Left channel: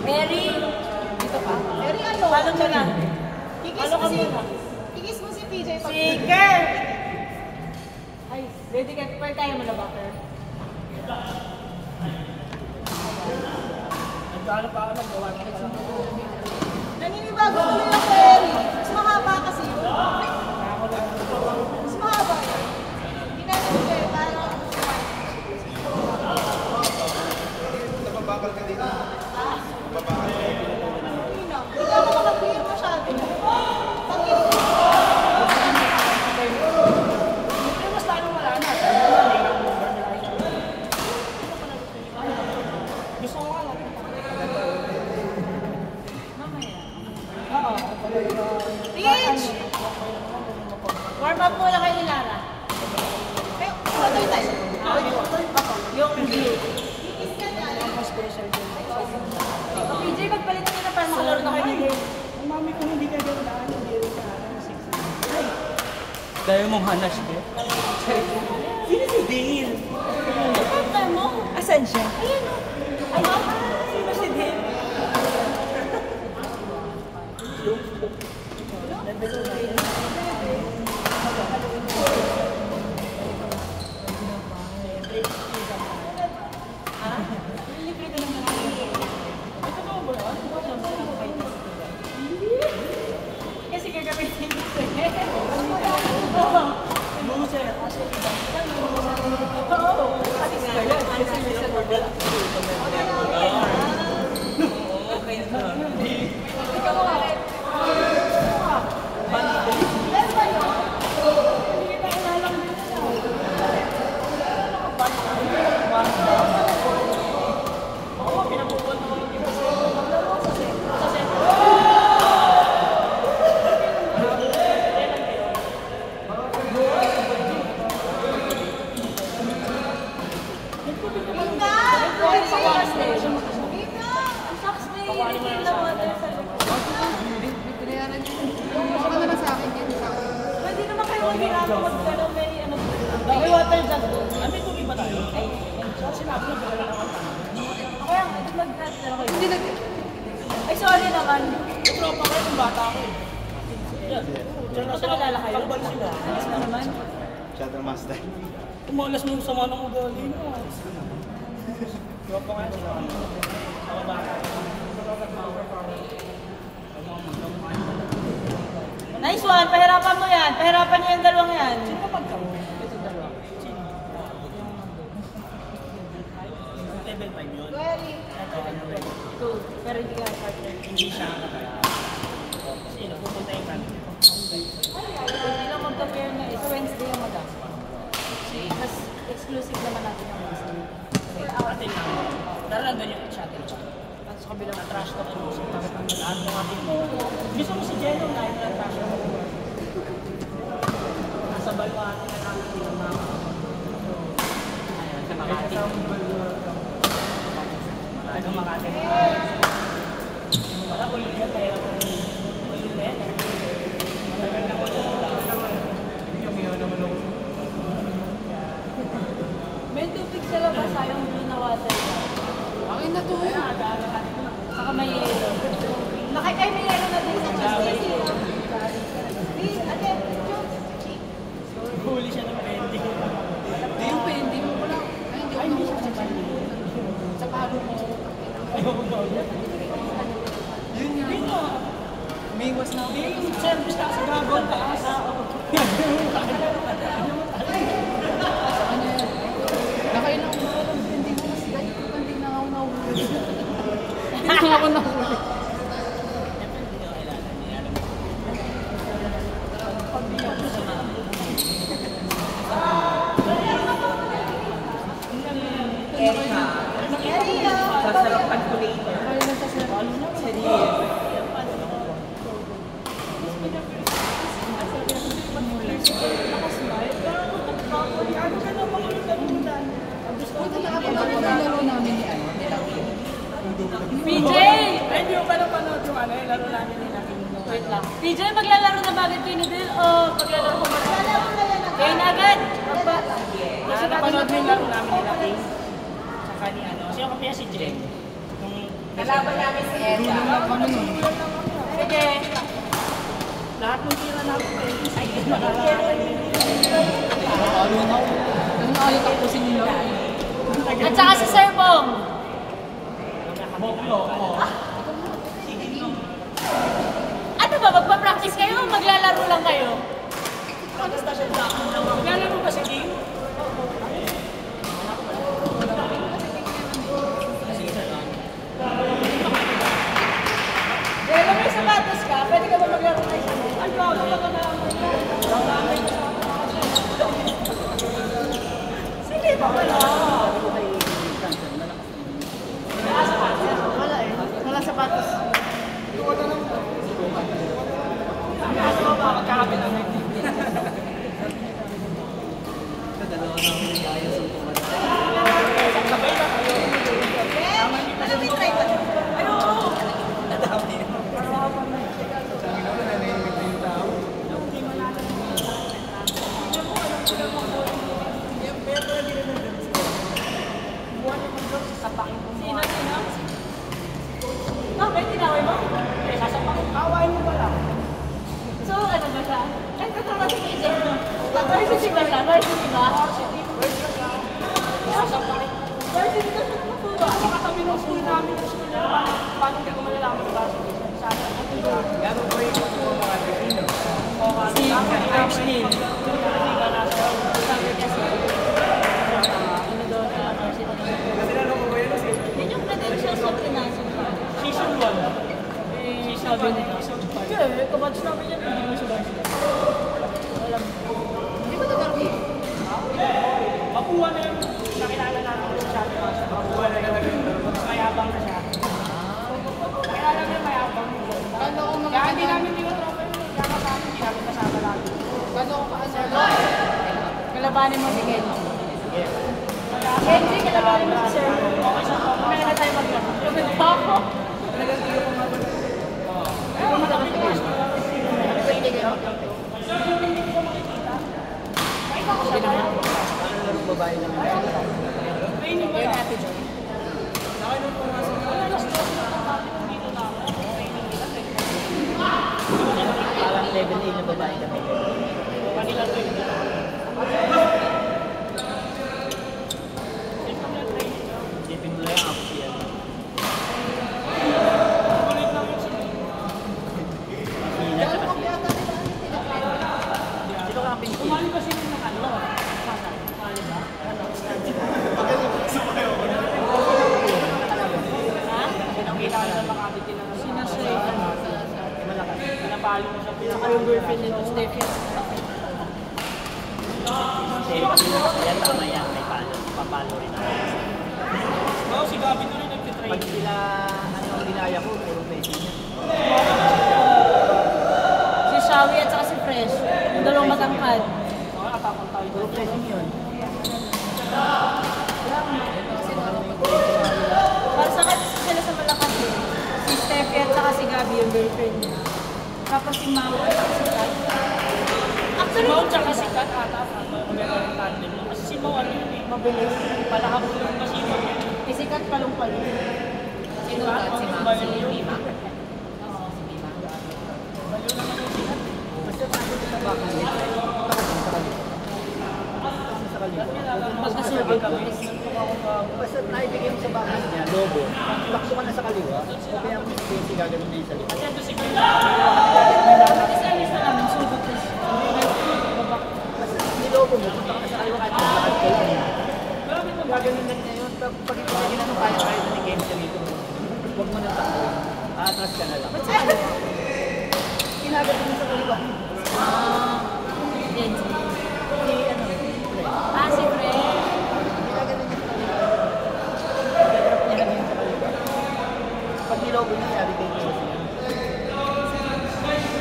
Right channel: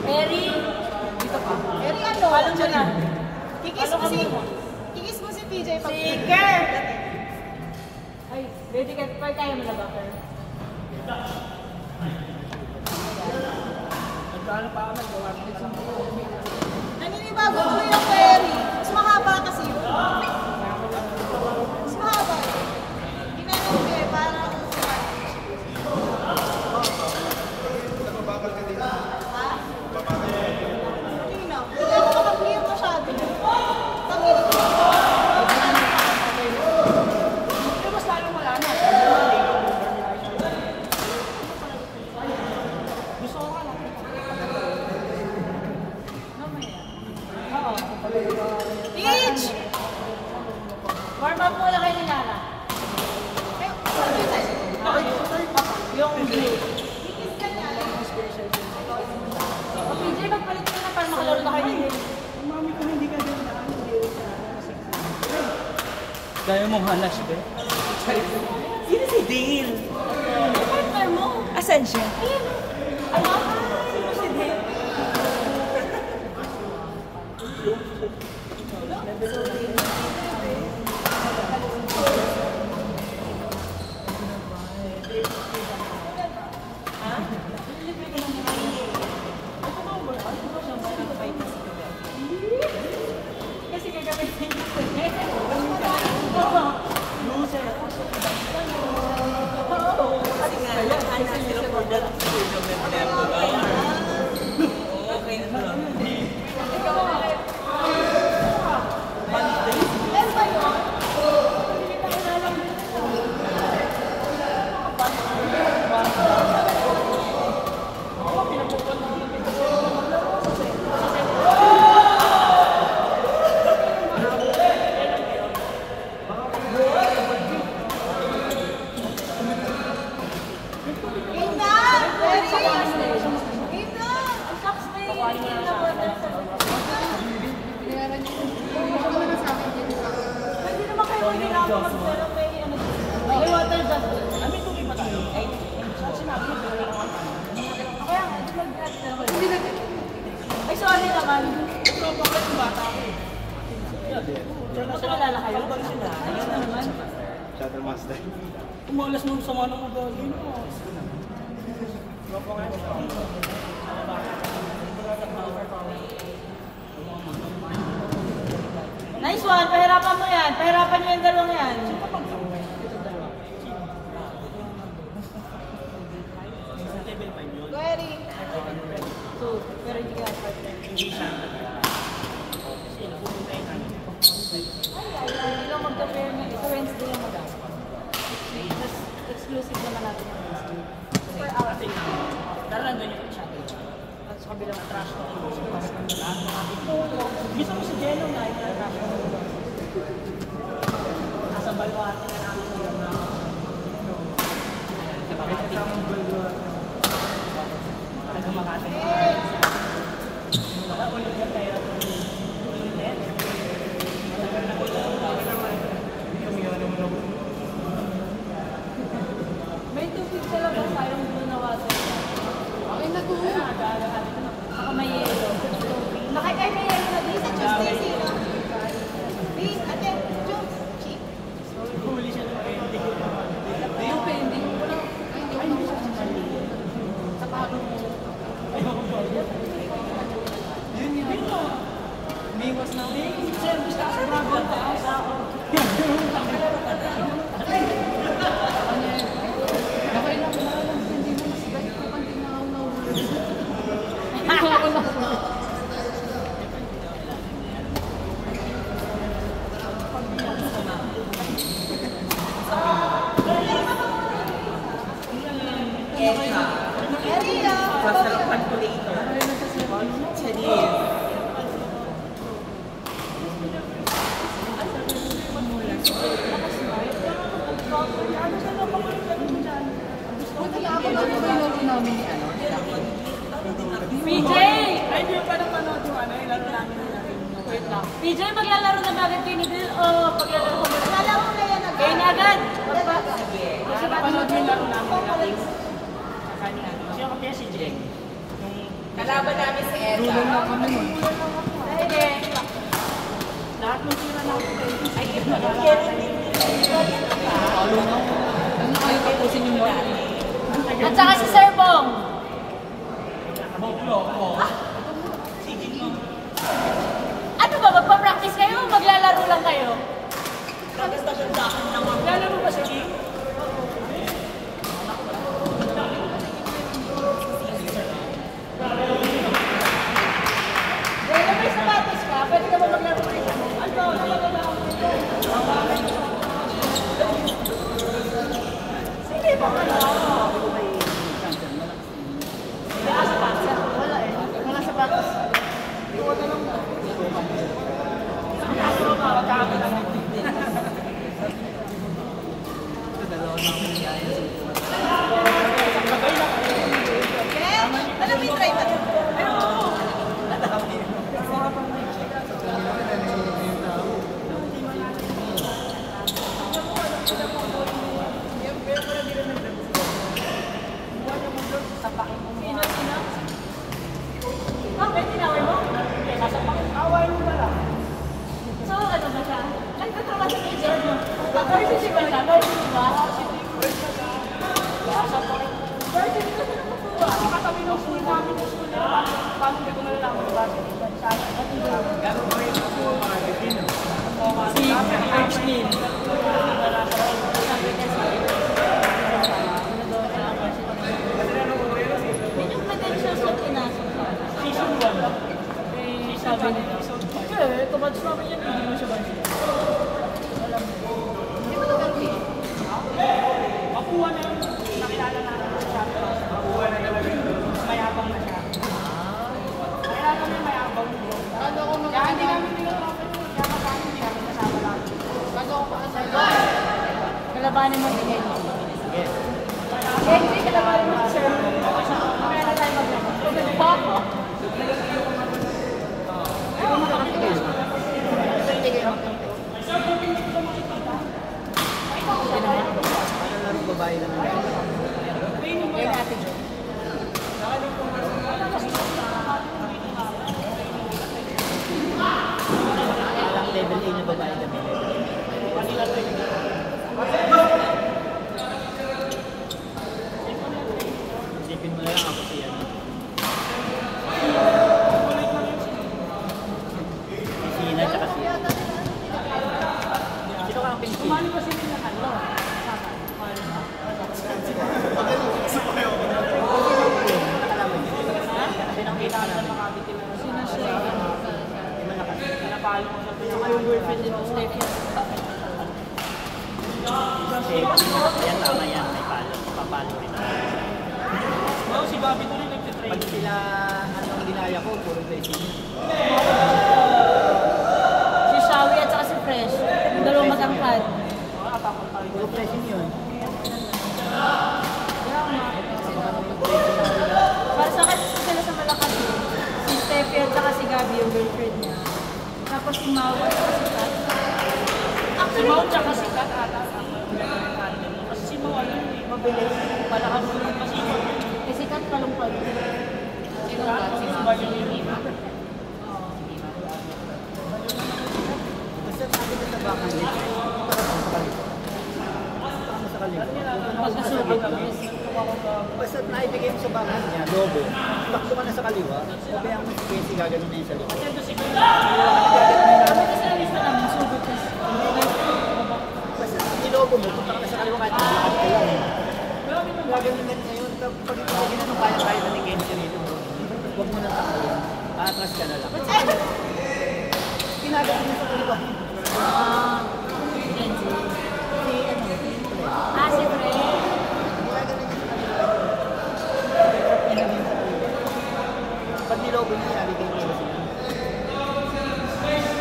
Eri, dito ka. Eri ano? Follow mo na. Kikis mo si PJ. Siker! Ay, ready ka. Pwede tayo mo na ba, sir? Nagkano pa ako nagawa ko sa mga. Naninibago ko yung Eri. Mas mahaba kasi yun. Mas mahaba yun. Hindi natin kayo. Parang... Nababagal ka dito. Hindi ako makapilihan masyado. Mas parang wala na. Gusto ko nga lang. Oo. Peach! Warm up muna kay Linara. Yung blue. PJ, magpalit ka na para makalaro na kayo. Ang mami ko hindi ka din daan. Dahil mo hanas ko. Sino si Dale? Partner mo. Asan siya? Ay, sino si Dale? Kasi gagamitin ko siya. Loser. Oo. Alis ka yan. Kasi loser mo ba? Ikaw mo nga. May water dyan. Ano yung tubig ba tayo? Ay, sinabi mo. Kaya nga, hindi nag-add. Ay, sorry naman. Tropa ko yung bata ko eh. Diyan na sila lalakay. Kalban sila. Alas na naman. Shadow Master. Tumalas mo sa mga ugali mo. Tropa ko yan. Sama bata. Nice one. Pahirapan mo yan. Pahirapan nyo yung dalawang yan. Sino pa pagkaw? Eri. Two. Pero hindi ka partner. Hindi siya nakakala. Kasi napupunta yung kami. Hindi lang magka-player na ito. Wednesday lang madam. Mas exclusive naman natin ang Wednesday. Ate nga. Pero nandun yung shuttle. At sa kabilang trash talk and music. Tapos lahat ng ating gusto mo si Jello na yung trash talk. Nasa balo atin ang aking ilang mga ay, sa Makati. Wala ulit ka pera. Ulit na yan. May tubig sa labas. Sayang blue na water. Ay, natuloy. Saka may yelo. Nakikay may yelo na din sa Stacy. Please, ate, Jones. Huli siya ng pwede. Yung pending mo na. Ay, hindi siya sa sa pagod mo. Ayoko ba? Yun nga. Yun o. Biwas na. Yung service na sa dragon taas. Nakain ako na lang. Pending mo na sila. Ito hindi na ako nahulog. Hindi na ako nahulog. PJ! Ay, hindi ko pa napanood yung ano, yung laro namin nila. Wait lang. PJ, maglalaro na ba agad kayo ni Bill o paglalaro ko ba? Nalaro na yan. Kayo na agad! Napanood yung laro namin nila. Saka ni ano. Kasi ako kaya si Jen. Nung Nalaban namin si Edna. Sige. Lahat ng tira natin eh. Ay, Ano ayaw kayo kasi nyo? At saka si Sir Bong. Ano ba, magpa-practice kayo o maglalaro lang kayo? practice na siya sa akin. Maglalaro ba si Kim? Kaya may sapatos ka, pwede ka ba maglaro kayo? Ay, ba, sige, baka na. Wala eh. Wala sapatos. Sino? Bakit tinaway mo? Awain mo ba lang? So, ano ba siya? Nagtatrawa si KJ mo. Varsity ba siya? Varsity ba? Varsity na siya nakutuwa. Nakatabi ng school namin ng school nila. Paano hindi ko malalaman di ba? Si Ashley. Yung platoon siya sa pinasok ka. Season 1. Sabi niya. Hindi, kabatch namin yan. Hindi mo siya batch. Alam mo. Makuha na yun. Nakilala na ako siya. Makuha na daw yun. Mas mayabang na siya. Nakilala namin mayabang. Kaya hindi namin nilotropin yun. Kaya kami hindi namin kasama natin. Kalabanin mo si Kenji. Kenji, kalabanin mo si Sir. Kaya na tayo maglaro. Tumit pa ako. Babae lang. Training mo Yan lang. ate Jo. Parang level A na babae kami. Isipin mo lang ako siya. Sina siya kasi. Sino ka kapin siya? Kumali kasi nila ano. Pinapalo mo sa Saka yung girlfriend nila, Steffi. Yan tama yan. May palo. Papalo rin ako. Oo, si Bobby to rin nagtitrain. Pag sila, anong ginaya ko, puro blessing. Si Shawi at saka si Fresh. Yung dalawang matangkad. Mga apapuntaw Puro blessing yun. Para sa kanya sila sa Malacate. Si Steffi at saka si Gabi yung girlfriend niya. Tapos si Mawa at saka si Kat. Si Actually, Mau tsaka si Kat ata. Maganda yung tandem mo. Kasi si Mau ano yun eh. mabilis. Palakabulong kasi ito. Eh, si Kat palong-palong. Sino ka? Si Ma'am. Si Mima. Basta sabi ko sa baka niya, nakatang sa kaliwa. Sa kaliwa. Pagkasugod ko. Basta naibigay mo sa baka niya, lobo. Bakso ka na sa kaliwa, o kaya mo si gagawin niya yung sa likod. Kasi si Kim Isa-isa lang, masugod ko. Nilobo mo, punta ka na sa kaliwa kahit lakad ka yan. Gagawin lang niya yun. Pag ginano kaya tayo na tingin ka dito mo, huwag mo na sa kaliwa. Atras ka na lang. Ginagawin mo sa kaliwa. Ah, Kenji. Si ano? Si Fresh. Ginagawin niya sa kaliwa. Hirap niya lang yun sa kaliwa. Pag nilobo niya, sabi tayo niya sa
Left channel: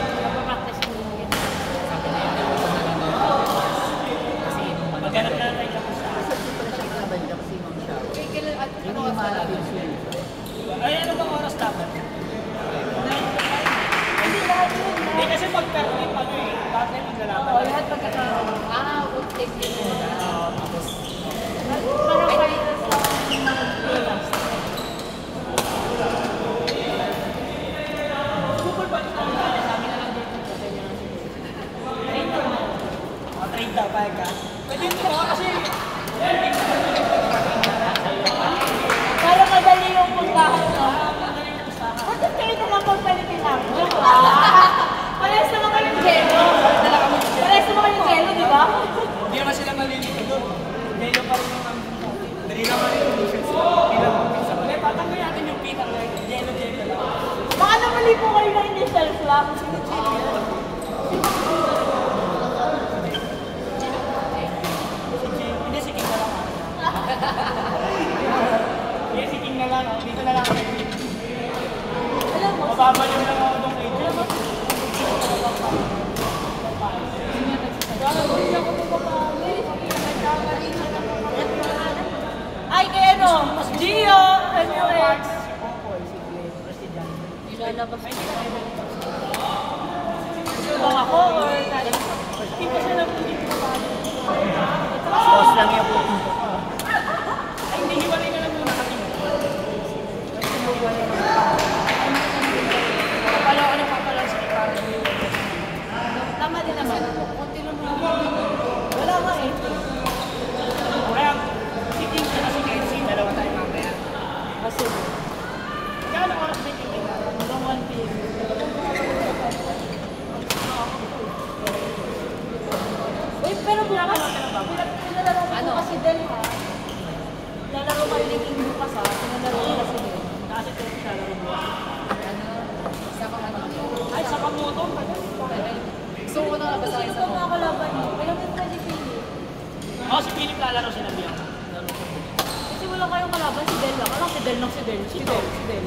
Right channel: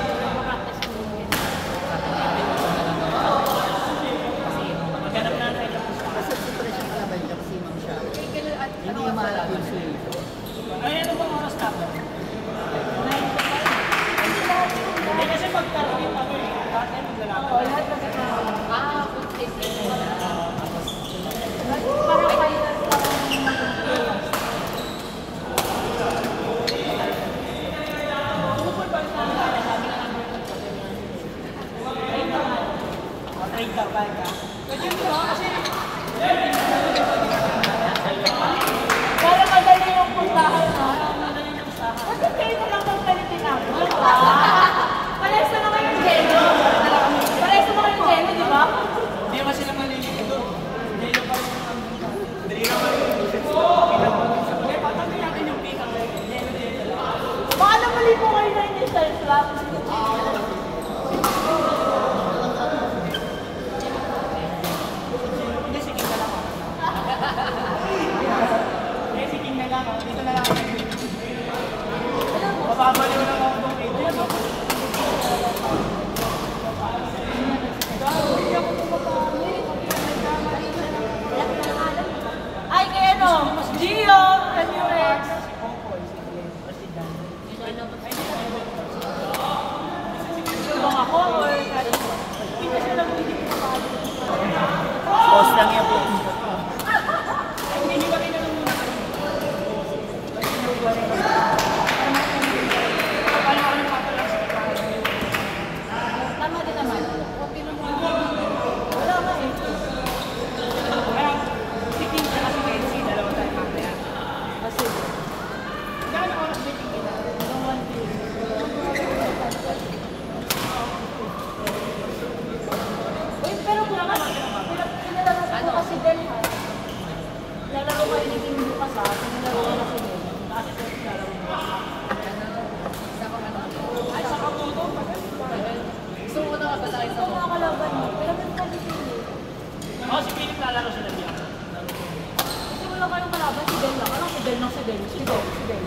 Nagpa-practice ko yun. maghanap na tayo lang sa kasi dito na siya nagkabalik kasi ma'am siya. Yun yung mahanap yung suyo. ay ano bang oras dapat? Hindi kasi pagka-trip ano eh. Dati naglalakad. Oo, lahat magkakaroon. Ah, okay. Para kayo sa mga Gio! NUX! Bang ako or kari? Hindi kasi nabili ko pa. Boss lang yan po. Tama din naman. Wala nga eh. Kaya, si King at si Casey, dalawa tayo mamaya. Kasi, Kaya oras na yung kita? hanggang 1 p.m. Uy, pero bukas, pinalaro ko kasi Del ha. Lalaro ko yung bukas ha. Pinalaro ko kasi Del. Kasi Del lalaro mo. Ay, sa kamoto. Gusto ko na kabasahin Ito nga ako laban niyo. Pero may pwede pili. Oh, si Philip lalaro sila diyan. Kasi wala kayong kalaban, si Del lang. Ano si Del lang si Del? Si Del, si Del.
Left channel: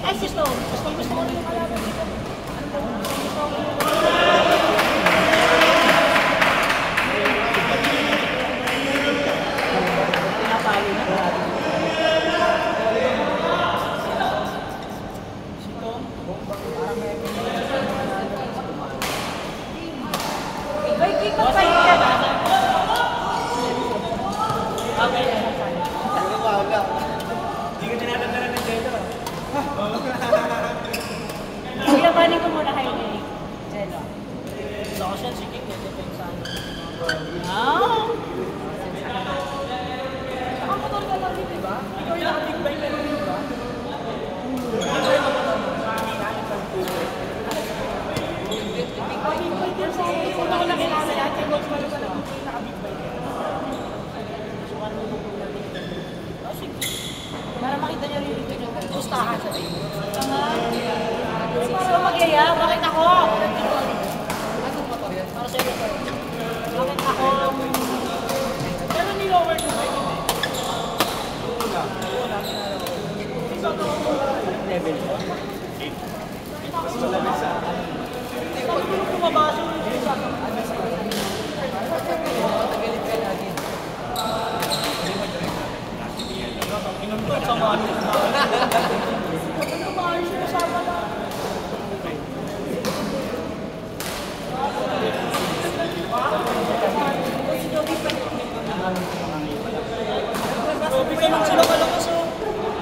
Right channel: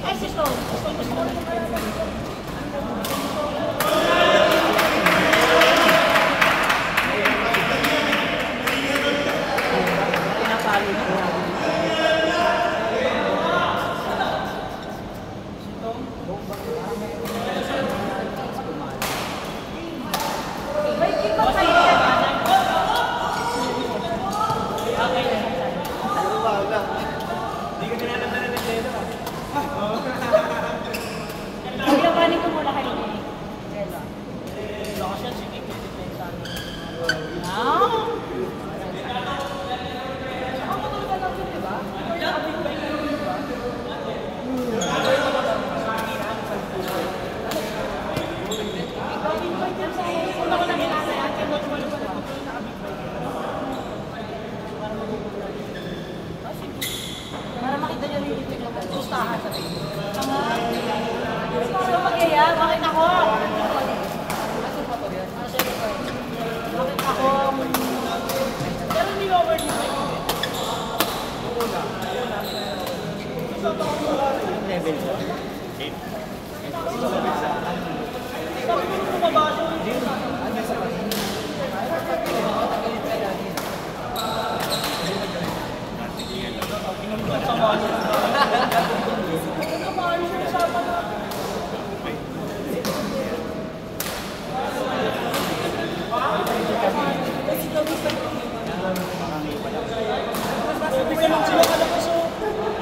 Ay, si Stone. Gusto ko rin kalaban dito. Pinapalo na grabe. May kick up sa'yo. Yabanin ko muna kayo ni Jello. Ako siya, si King, nag-defend sa amin. Wow! Ako ba talaga, di ba? Ikaw yung naka-big bike na rin, di ba? Pag-invite yun sa akin, kung ako namin sa atin, mag-wala ba lang? Para makita niya rin dito niya. Gustahan sa tayo. So mag-iya, bakit ako? Bakit ako? Pero nilower mo ba yun? Level ba? Tumabasa mo yun. Inumdum sa mga Tumahan siya sa mga. Grabe ka lang sila kalakas oh.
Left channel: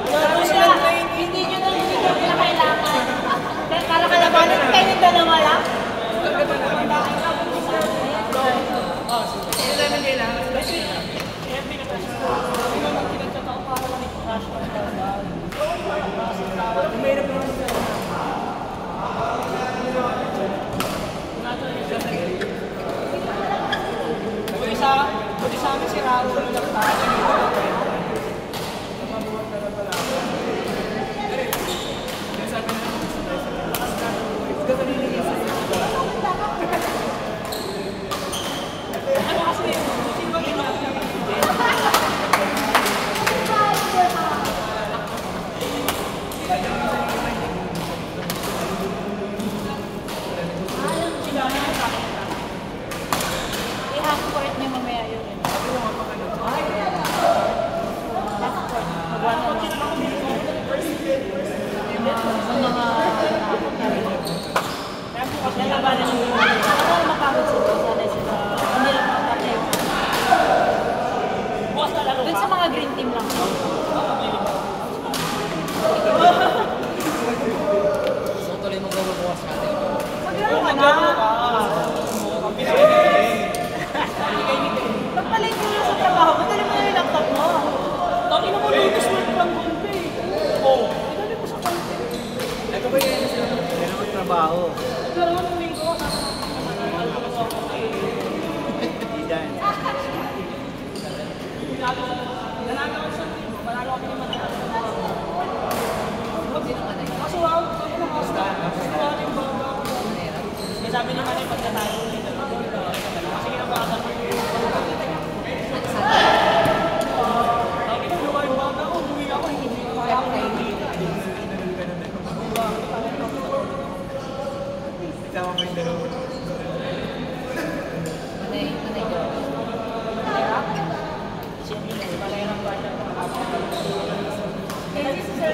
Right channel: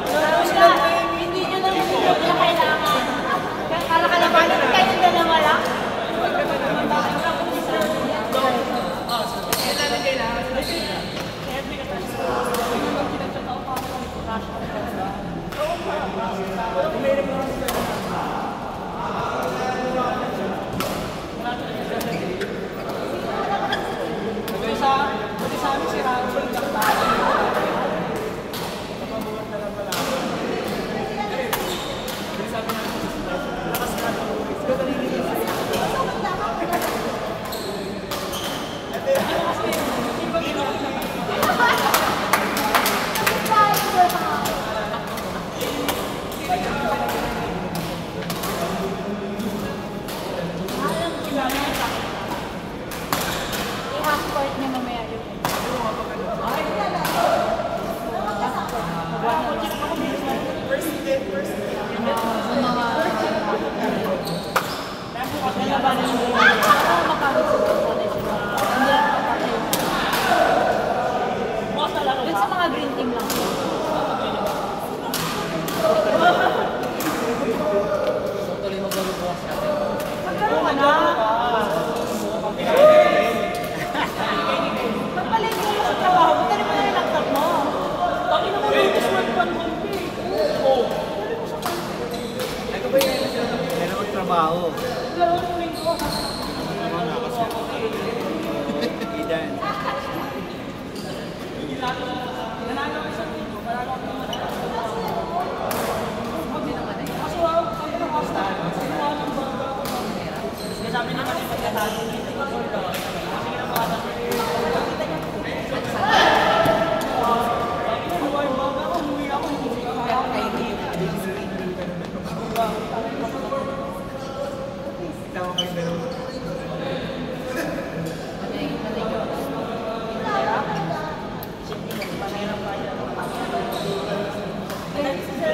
Grabe sila train. Hindi nyo na hindi nyo kailangan. Para kalabanin kayo ng gano'n wala. Buti sa amin si Raul lang tayo.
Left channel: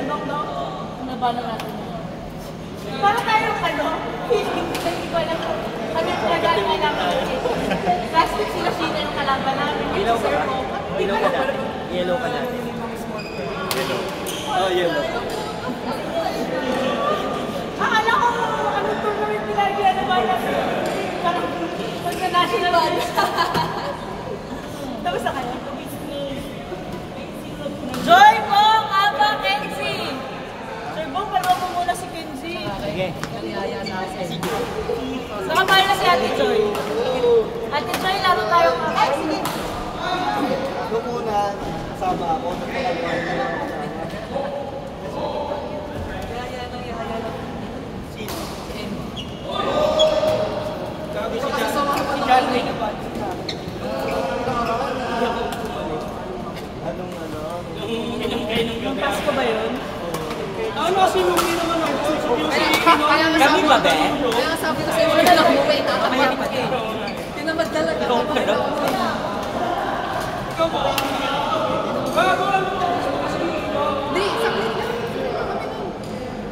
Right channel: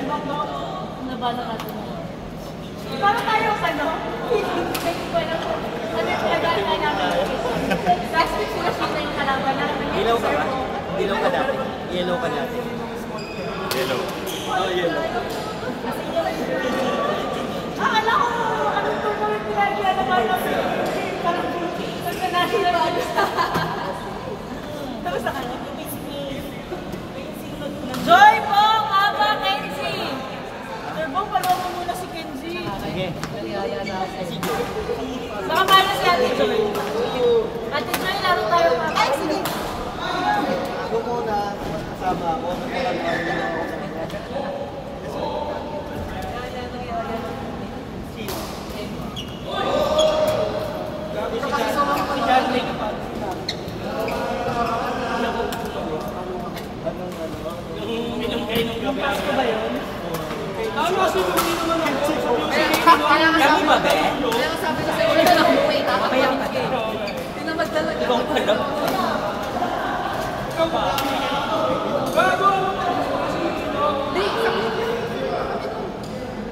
Nabala natin. Paano tayo ano? Hindi ko alam kung ano yung kagana namin. Plastic sila sila yung kalaban namin. Ilaw ka ba? Ilaw ka dati. Yellow ka dati. Yellow. Ah, yellow. Akala ko ano tournament pinagyan naman namin. Parang pagka-national. Tapos na kanya. Joy Bong Aba Kenzie! Joy Bong, palwa mo muna si Kenzie. Sige. Baka mahal na si Ate Joy. Ate Joy, lalo tayo mga. Sige. Doon muna, kasama ako. Pasko ba yun? Ano kasi yung hindi naman Kami ba ba? Kaya nga sabi ko sa'yo, wala lang umuwi. Nakapayapag eh. Tinamad talaga. Ikaw pa rin. Hindi, sabi ko.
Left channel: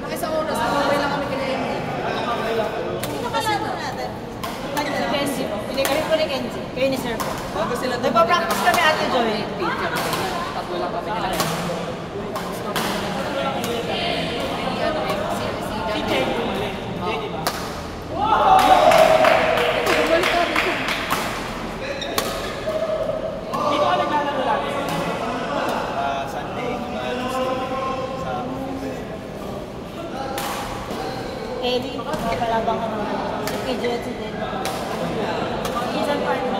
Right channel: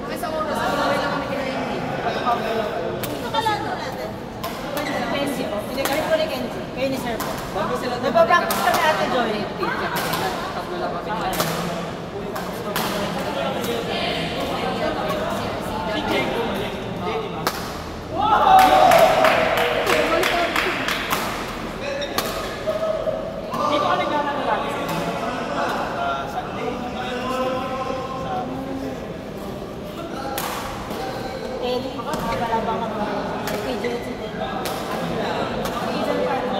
Mga isang oras, umuwi lang kami kina Andy. Ito ka lang natin. Kenzie po. Hindi kami po ni Kenzie. Kayo ni Sir po. Bago sila Nagpa-practice kami Ate Joy. Pag wala pa pinilala. Ellie, makalabang ka naman. Kay Jetsi din. Isan pa rin.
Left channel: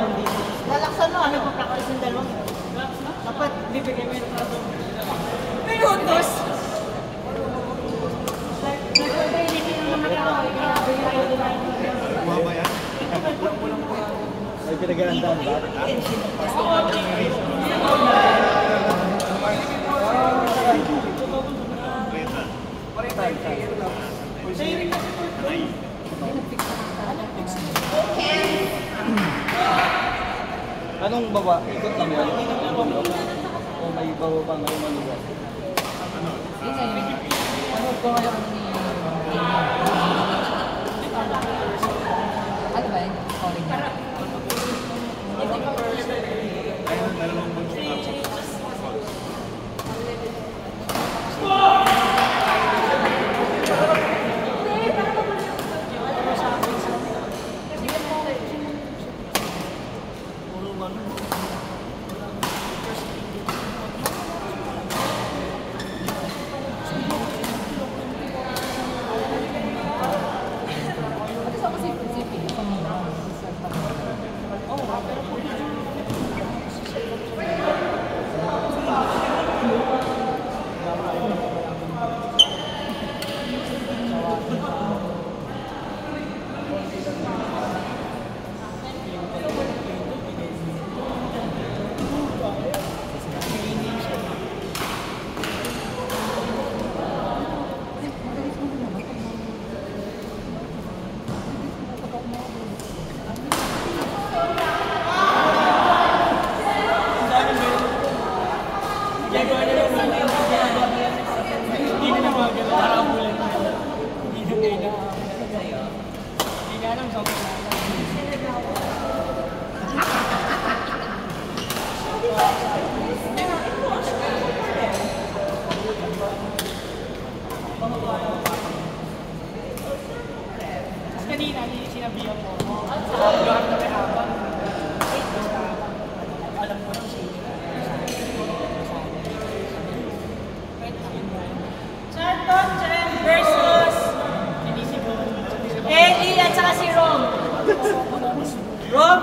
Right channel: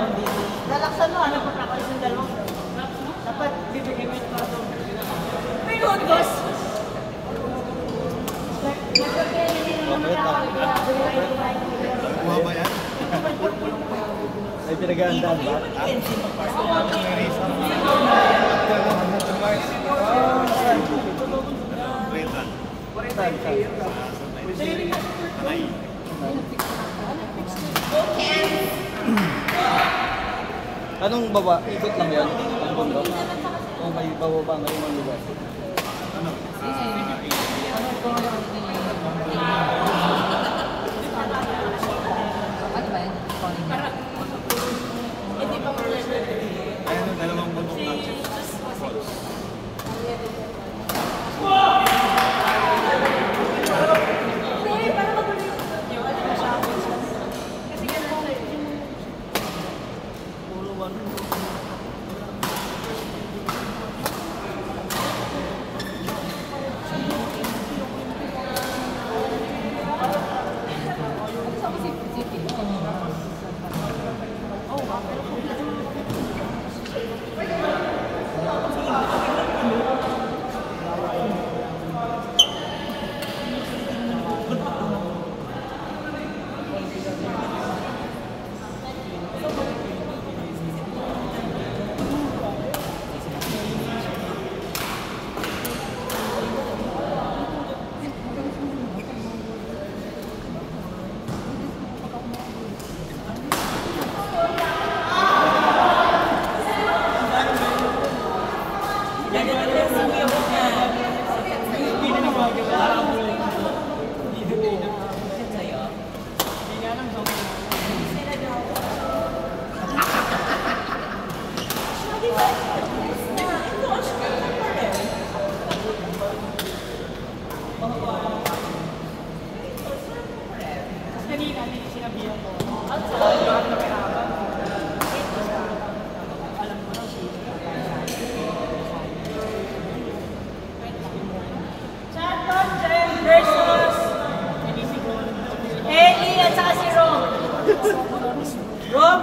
Lalaksan mo, ano pa-practice yung dalawa? Dapat bibigyan mo yung plato. Ayun, boss! Ay, pinag-aandaan ba? Anong baba? Ikot lang yan? O may bababang rin ang lugar? Ano po yung ano ba yun? Calling niya. Ayun ang dalawang bunso lang. kanina, sinabihan mo. Alam mo na siya. Charlton Jem versus Ellie at saka si Rom. Rom,